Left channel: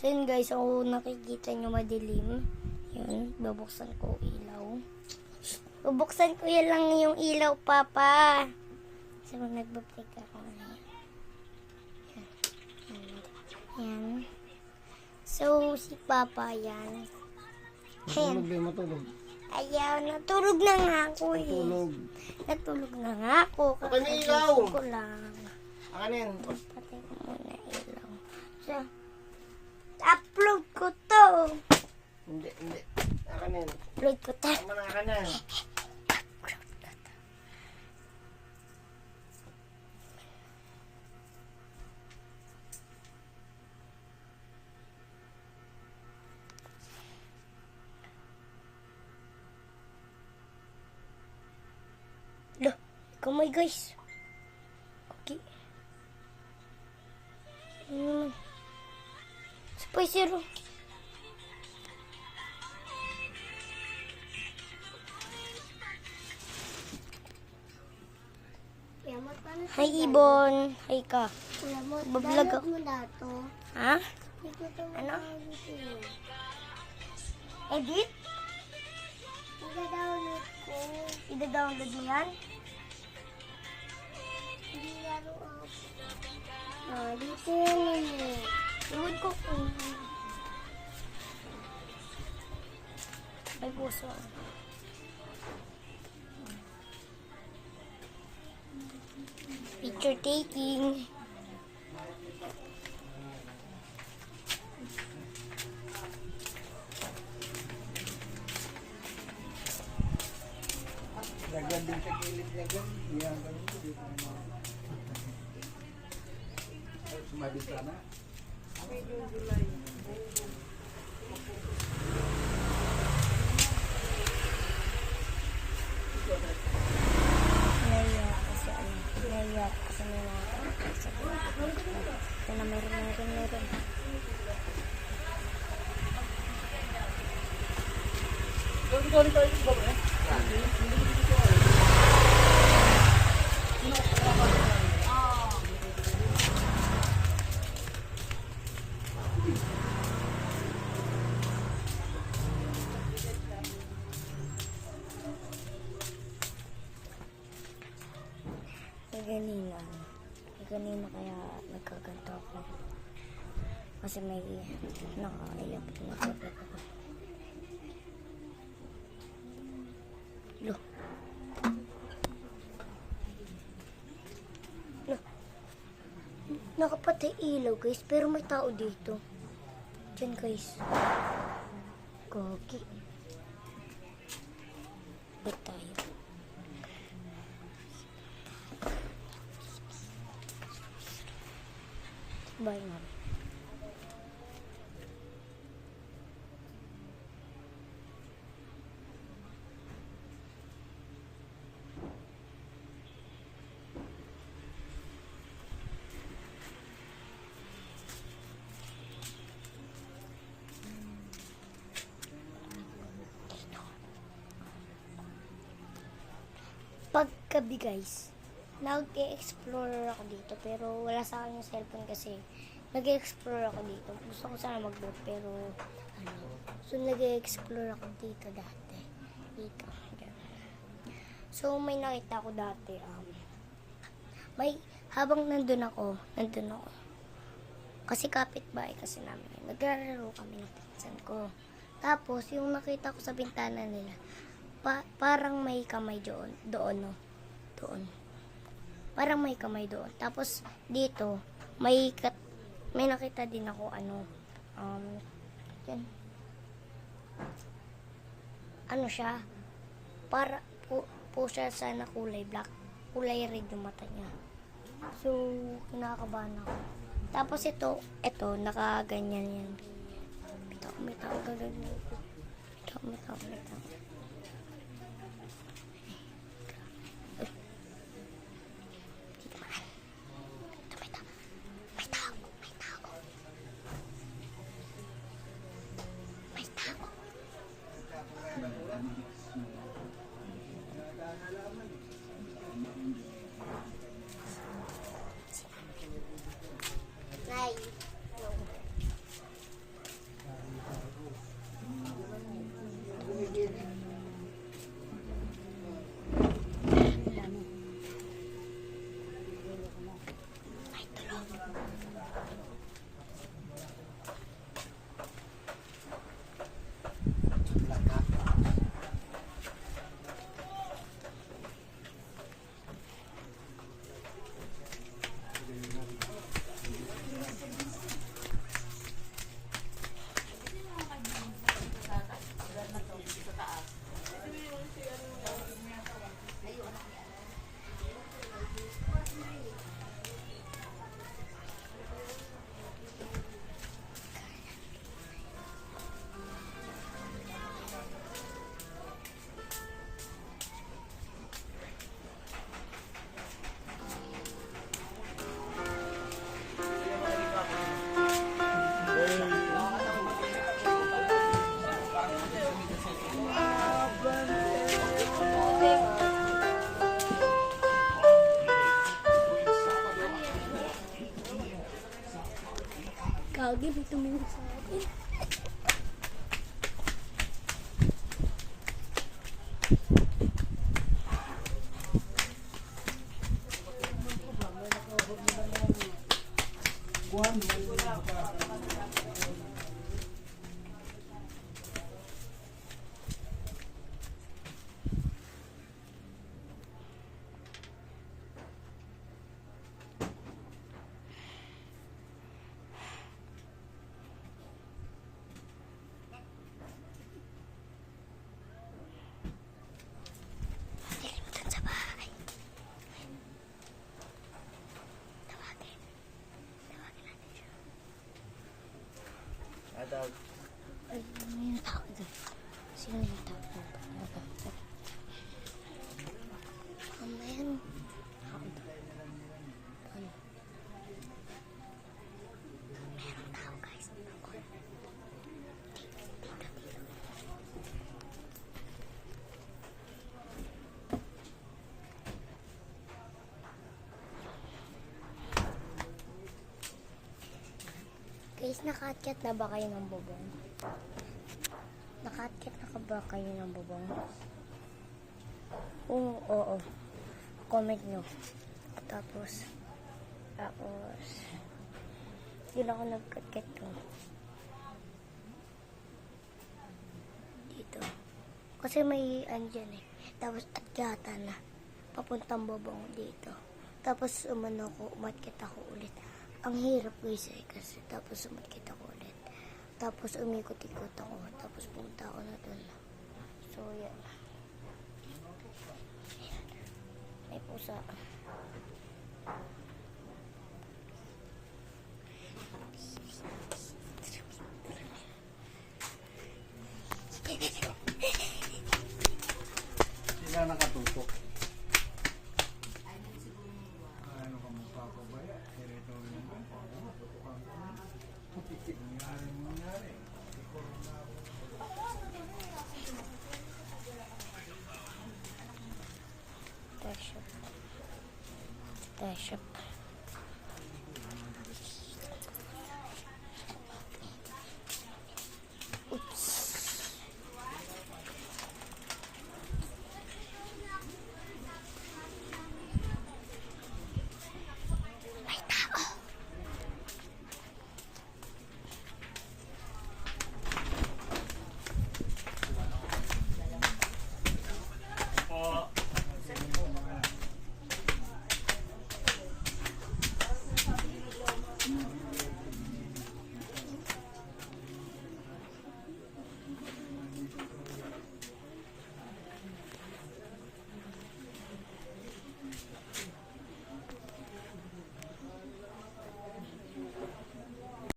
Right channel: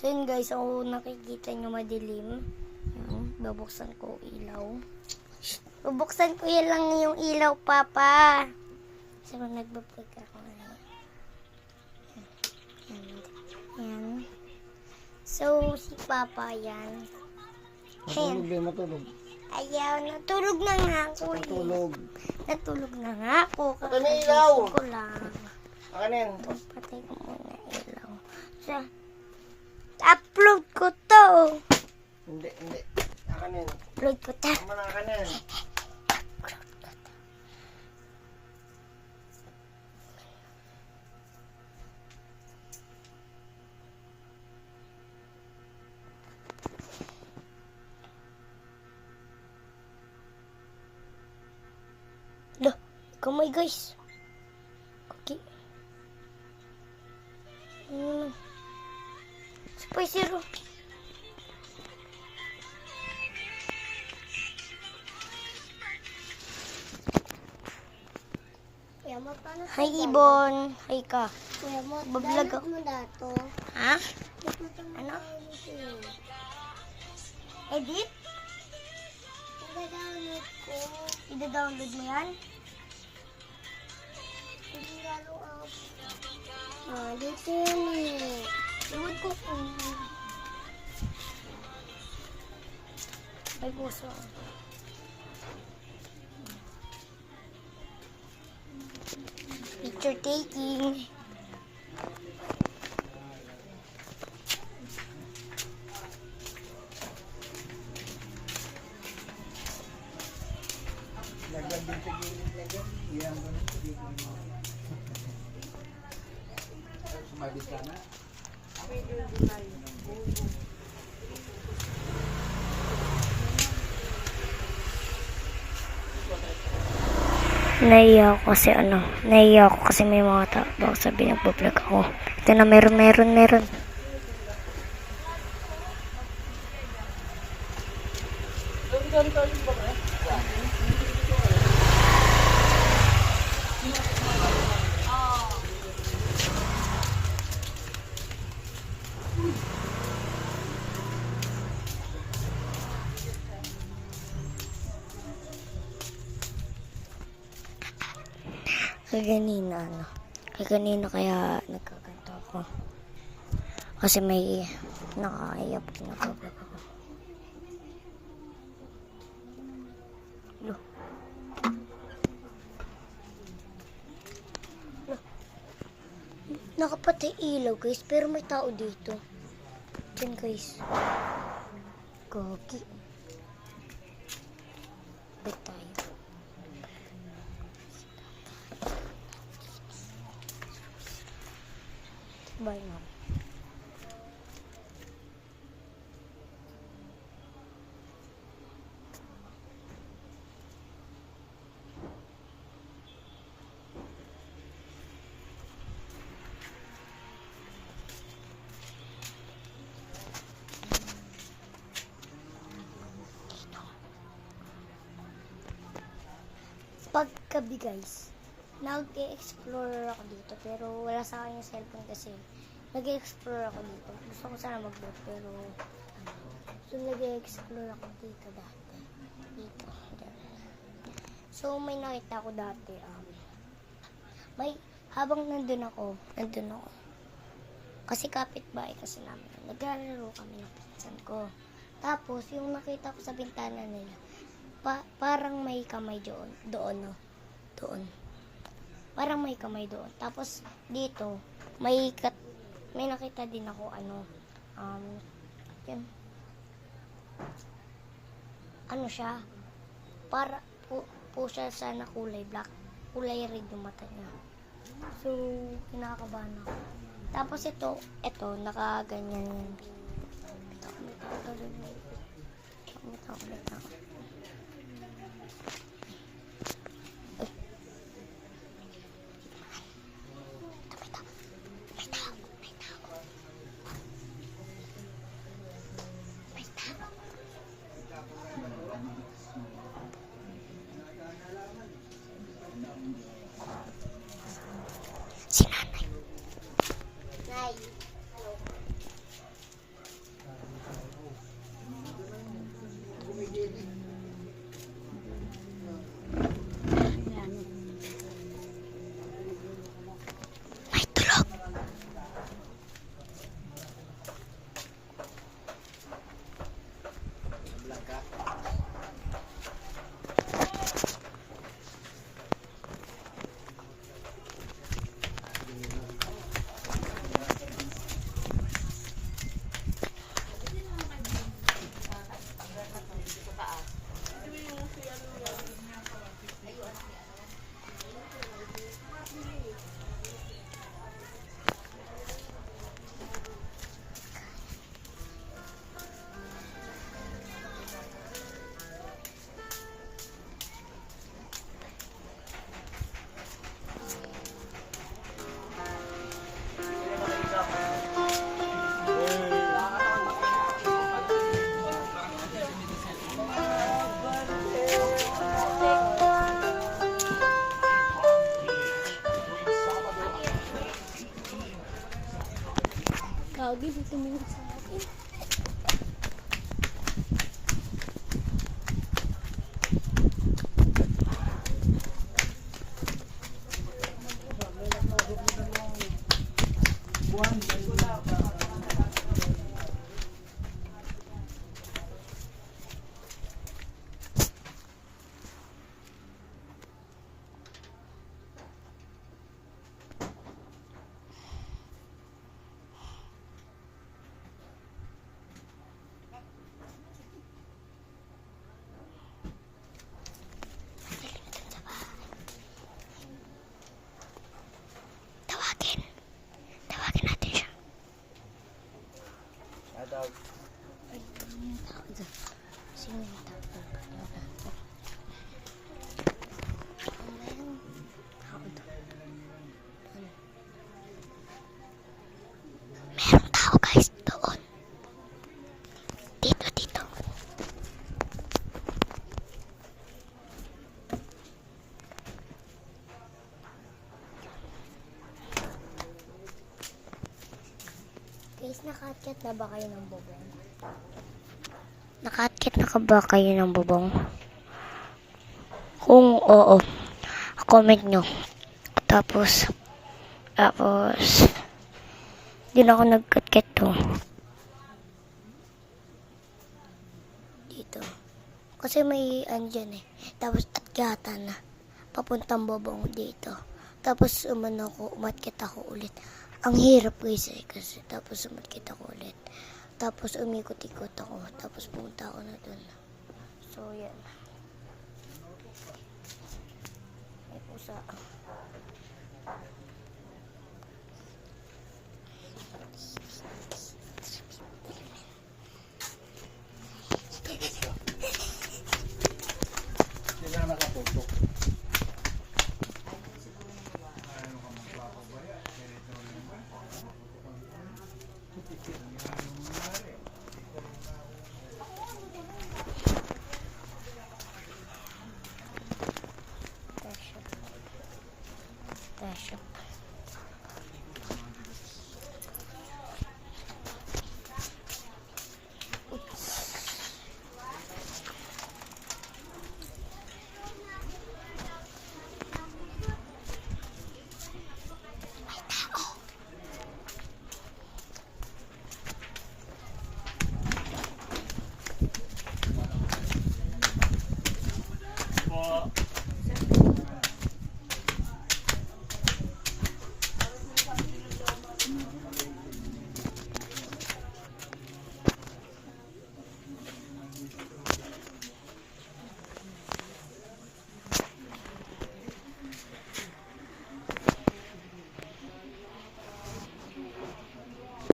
So yun guys, so nakikita nyo madilim. Yun, babuksan ko ilaw. Bubuksan ko yan lang yung ilaw, Papa. So nagbabalik ako. Yan. So si Papa yan. Matulog din, matulog. Ayaw, natulog na nga ako eh. Matulog. Natulog na nga ako. Ano yung ilaw? Kakagising ko lang. Ano yan? Patay ko muna ilaw. So, upload ko to. Hindi. Akan yan. Upload ko to. Tama na akan yan. Loh, kamay guys. Okay. Supay zero. Hi Ibon. Hi ka. Bablog ako. Ha? Ano? Edit? Ida-download ko. Ida-download mo yan? Hindi lalo ako. Dito yun eh. Iwan ko kung... May puso. Picture taking. Lagyan din sa gilid, lagyan. Yan, ganun ko dito. Sumali ka na. Naiya ako kasi may mga tao. Baka sabi nagpa-vlog ako. Ito na meron. Kaganina kaya nagkaganto ako. Kasi may nakaiyak na nagkaganto ako. Loh. Nakapatay ilaw guys, pero may tao dito. Diyan guys. Gogi. Ba't tayo? Bye, ma'am. Paggabi guys, nag-explore ako dito pero wala sa akin yung cellphone kasi nag-explore ako dito. Gusto ko sana mag-load pero so nag-explore ako dito dati. Dito. So may nakita ko dati may habang nandun ako. Kasi kapitbahay kasi namin. Naglalaro kami ng pinsan ko. Tapos yung nakita ko sa bintana nila parang may kamay doon. Parang may kamay doon. Tapos dito may nakita din ako yan. Ano siya? Para po siya sana kulay black. Kulay red yung mata niya. So kinakabahan ako. Tapos ito nakaganyan yan. May tao. Si nanay. Hindi tumingin sa akin. Dun sa bahay. Tawagin. Tawagin natin siya. Adult. Ay, ano yung tao doon? Sino yung tao doon? Tara. Ano yan? Tao doon. Ano? Merong tao guys doon. Dito. Guys, nakaakyat na ba kayo ng bubong? Nakaakyat na ba kayo ng bubong? Kung oo, comment nyo. Tapos, din ako nagkakyat to. Dito. Kasi may andyan eh. Tapos akyata na. Papuntang bubong dito. Tapos umakyat ako ulit. Ang hirap guys eh. Kasi tapos umakyat ako ulit. Tapos umikot-ikot ako. Tapos pumunta ako na doon. So yan. May pusa.